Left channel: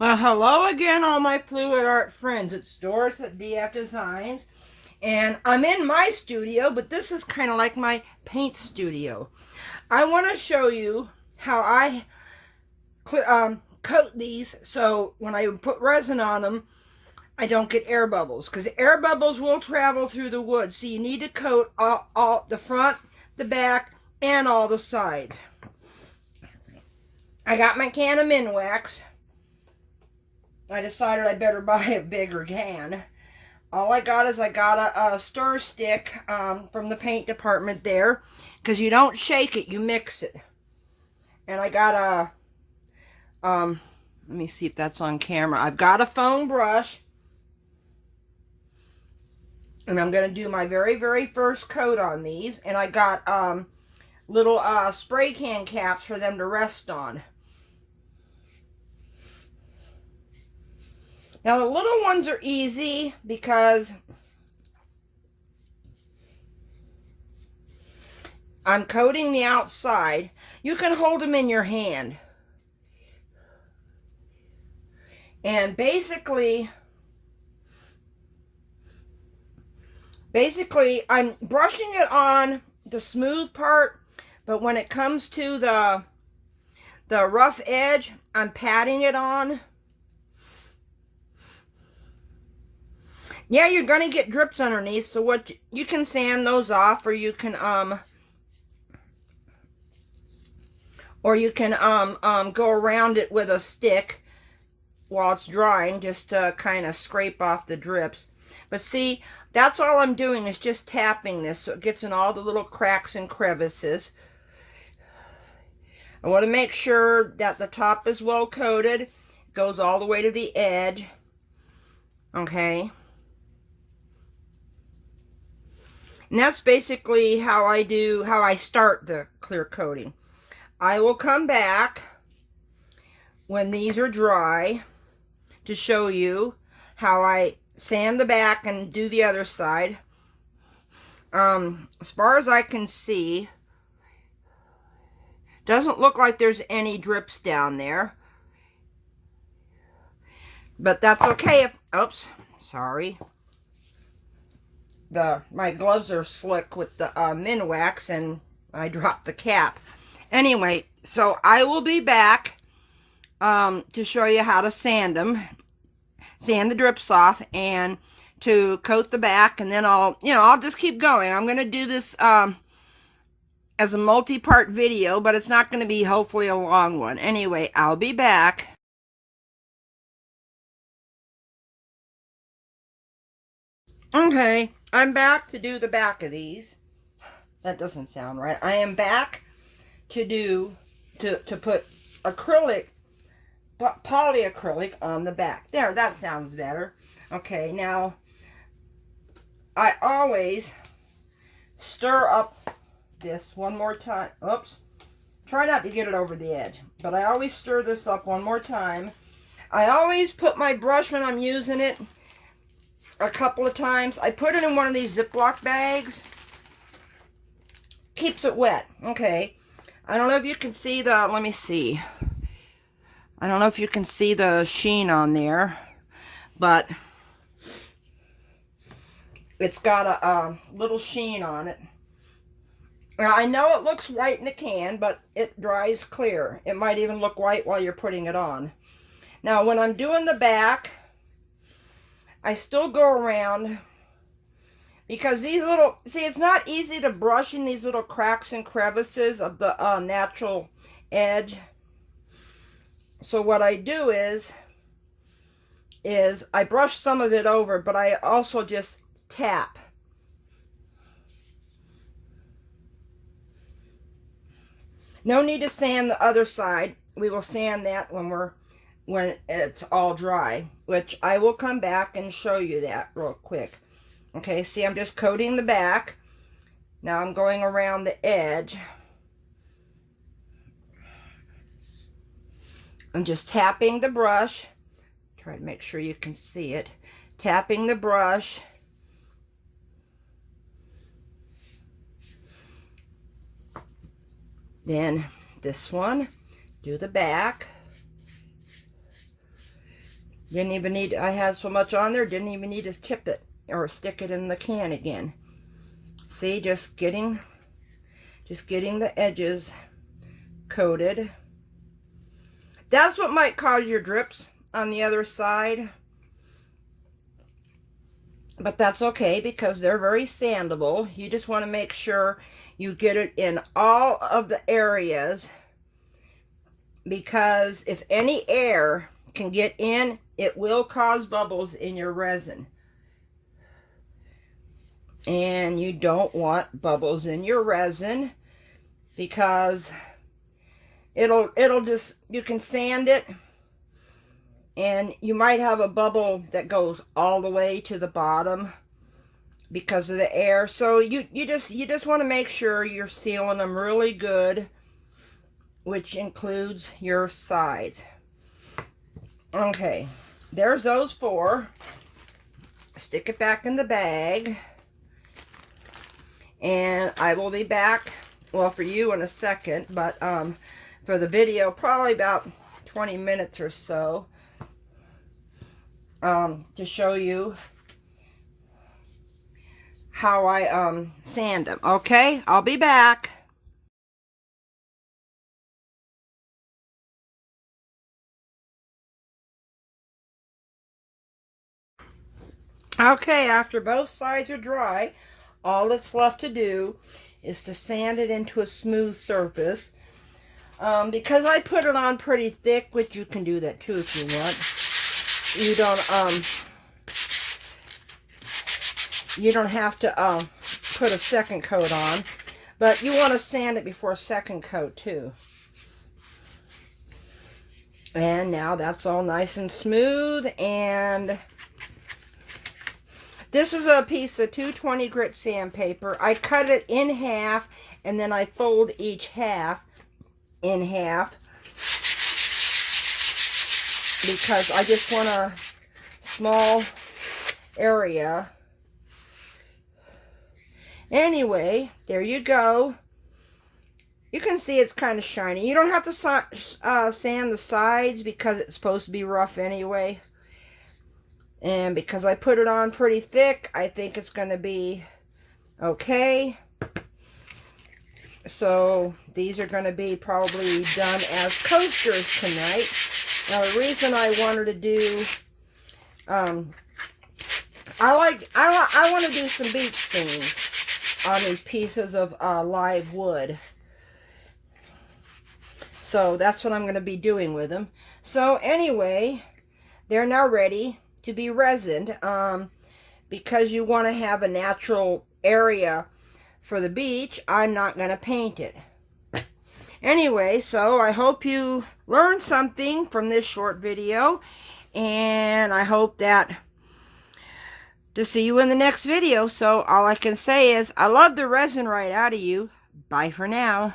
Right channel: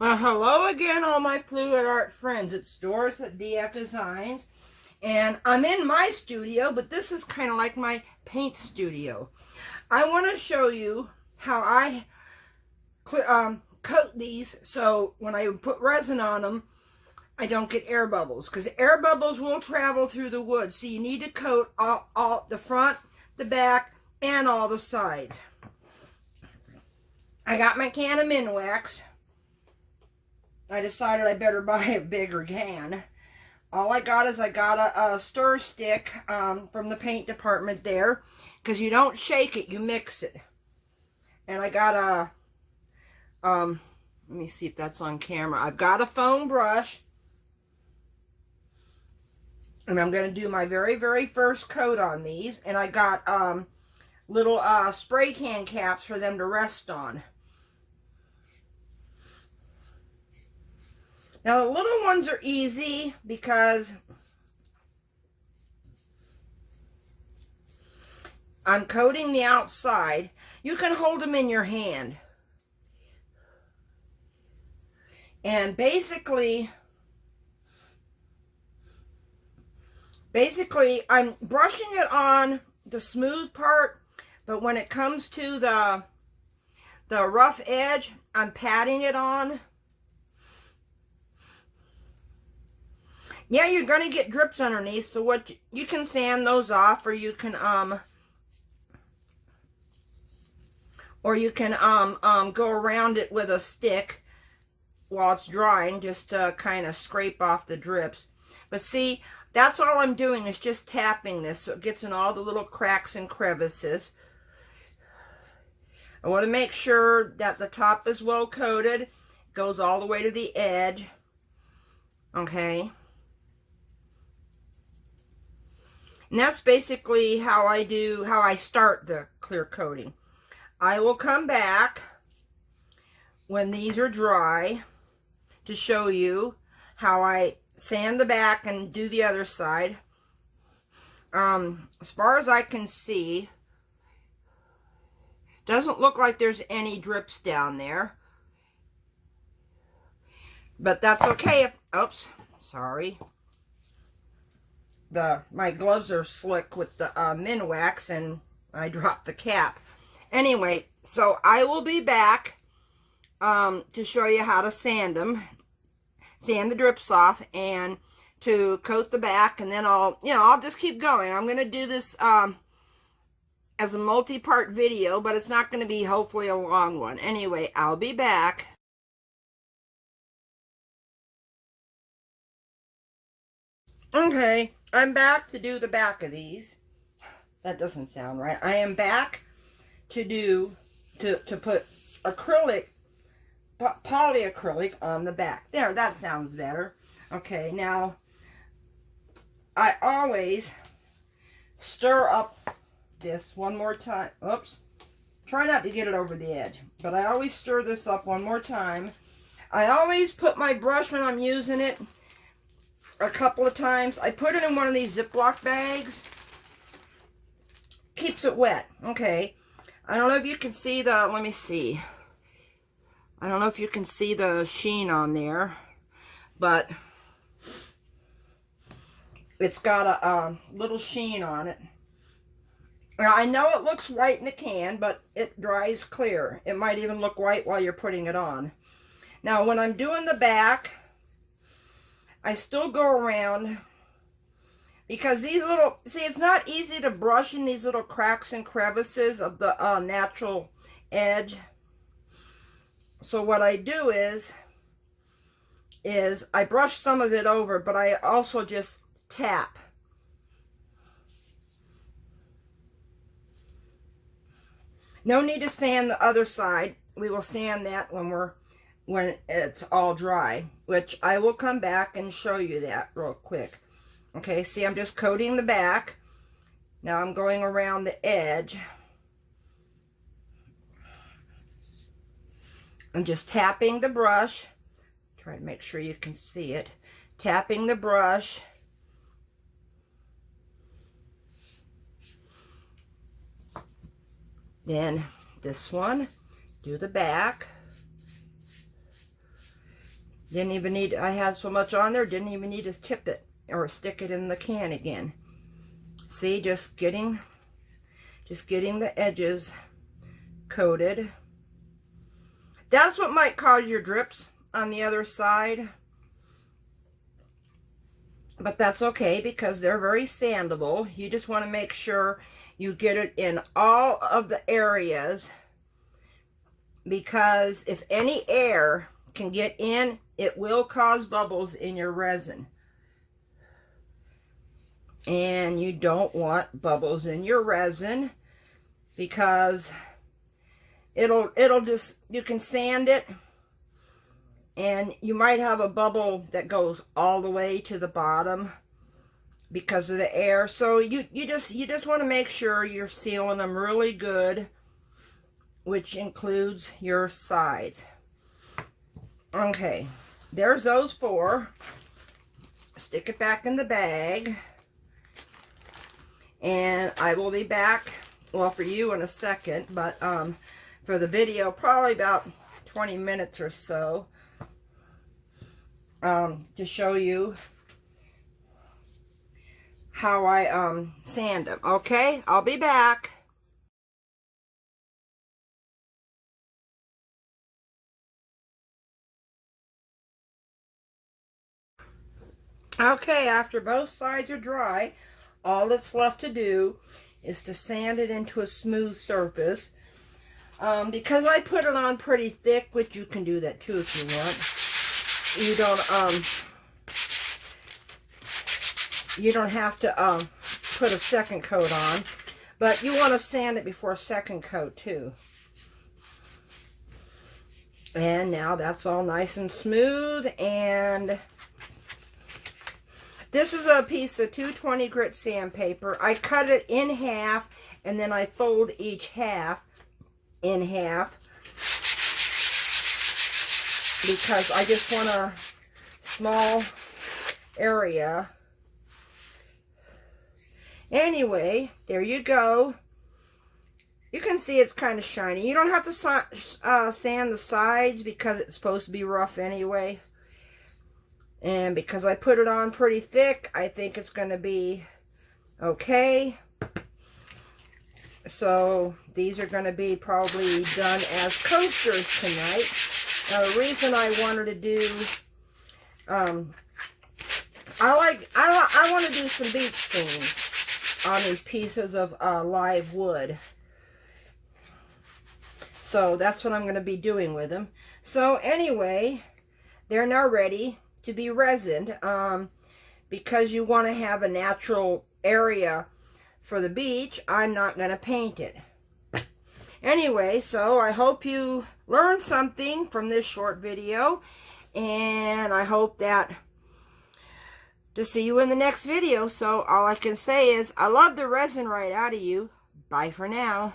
Well, hello again, all my fluid art friends. It's Doris at DF Designs, and I'm in my studio, but this is kind of like my paint studio. I want to show you how I coat these so when I put resin on them, I don't get air bubbles, because air bubbles will travel through the wood. So you need to coat all the front, the back, and all the sides. I got my can of Minwax. I decided I better buy a bigger can. All I got is a stir stick from the paint department there, because you don't shake it, you mix it. And I got let me see if that's on camera. I've got a foam brush, and I'm going to do my very first coat on these. And I got little spray can caps for them to rest on. Now the little ones are easy because I'm coating the outside. You can hold them in your hand. And basically I'm brushing it on the smooth part, but when it comes to the rough edge, I'm patting it on. Yeah, you're going to get drips underneath, so what you can sand those off, or you can go around it with a stick while it's drying, just to kind of scrape off the drips. But see, that's all I'm doing, is just tapping this so it gets in all the little cracks and crevices. I want to make sure that the top is well coated. It goes all the way to the edge. Okay. And that's basically how I start the clear coating. I will come back when these are dry to show you how I sand the back and do the other side. As far as I can see, doesn't look like there's any drips down there. But that's okay if, oops, sorry. My gloves are slick with the Minwax, and I dropped the cap. Anyway, so I will be back to show you how to sand them, sand the drips off, and to coat the back, and then I'll just keep going. I'm going to do this as a multi-part video, but it's not going to be hopefully a long one. Anyway, I'll be back. Okay, I'm back to do the back of these. That doesn't sound right. I am back to put acrylic, polyacrylic on the back. There, that sounds better. Okay, now I always stir up this one more time. Oops. Try not to get it over the edge, but I always stir this up one more time. I always put my brush, when I'm using it, a couple of times. I put it in one of these Ziploc bags. Keeps it wet. Okay. I don't know if you can see let me see. I don't know if you can see the sheen on there, but it's got a little sheen on it. Now, I know it looks white in the can, but it dries clear. It might even look white while you're putting it on. Now, when I'm doing the back, I still go around, because these little, see, it's not easy to brush in these little cracks and crevices of the natural edge. So what I do is I brush some of it over, but I also just tap. No need to sand the other side. We will sand that when it's all dry, which I will come back and show you that real quick. Okay, see, I'm just coating the back. Now I'm going around the edge. I'm just tapping the brush. Try to make sure you can see it. Tapping the brush. Then this one, do the back. Didn't even need, I had so much on there, didn't even need to tip it or stick it in the can again. See, just getting the edges coated. That's what might cause your drips on the other side. But that's okay because they're very sandable. You just want to make sure you get it in all of the areas, because if any air can get in, it will cause bubbles in your resin. And you don't want bubbles in your resin because it'll just, you can sand it and you might have a bubble that goes all the way to the bottom because of the air. So you just want to make sure you're sealing them really good, which includes your sides. Okay, there's those 4. Stick it back in the bag. And I will be back, well, for you in a second, but for the video, probably about 20 minutes or so, to show you how I sand them. Okay, I'll be back. Okay, after both sides are dry, all that's left to do is to sand it into a smooth surface. Because I put it on pretty thick, which you can do that too if you want. You don't have to put a second coat on, but you want to sand it before a second coat too. And now that's all nice and smooth. And this is a piece of 220 grit sandpaper. I cut it in half and then I fold each half in half because I just want a small area. Anyway, there you go. You can see it's kind of shiny. You don't have to sand the sides because it's supposed to be rough anyway. And because I put it on pretty thick, I think it's going to be okay. So these are going to be probably done as coasters tonight. Now the reason I wanted to do, I want to do some beach scenes on these pieces of live wood. So that's what I'm going to be doing with them. So anyway, they're now ready to be resined, because you want to have a natural area for the beach. I'm not going to paint it. Anyway, so I hope you learned something from this short video, and I hope that to see you in the next video. So all I can say is I love the resin right out of you. Bye for now.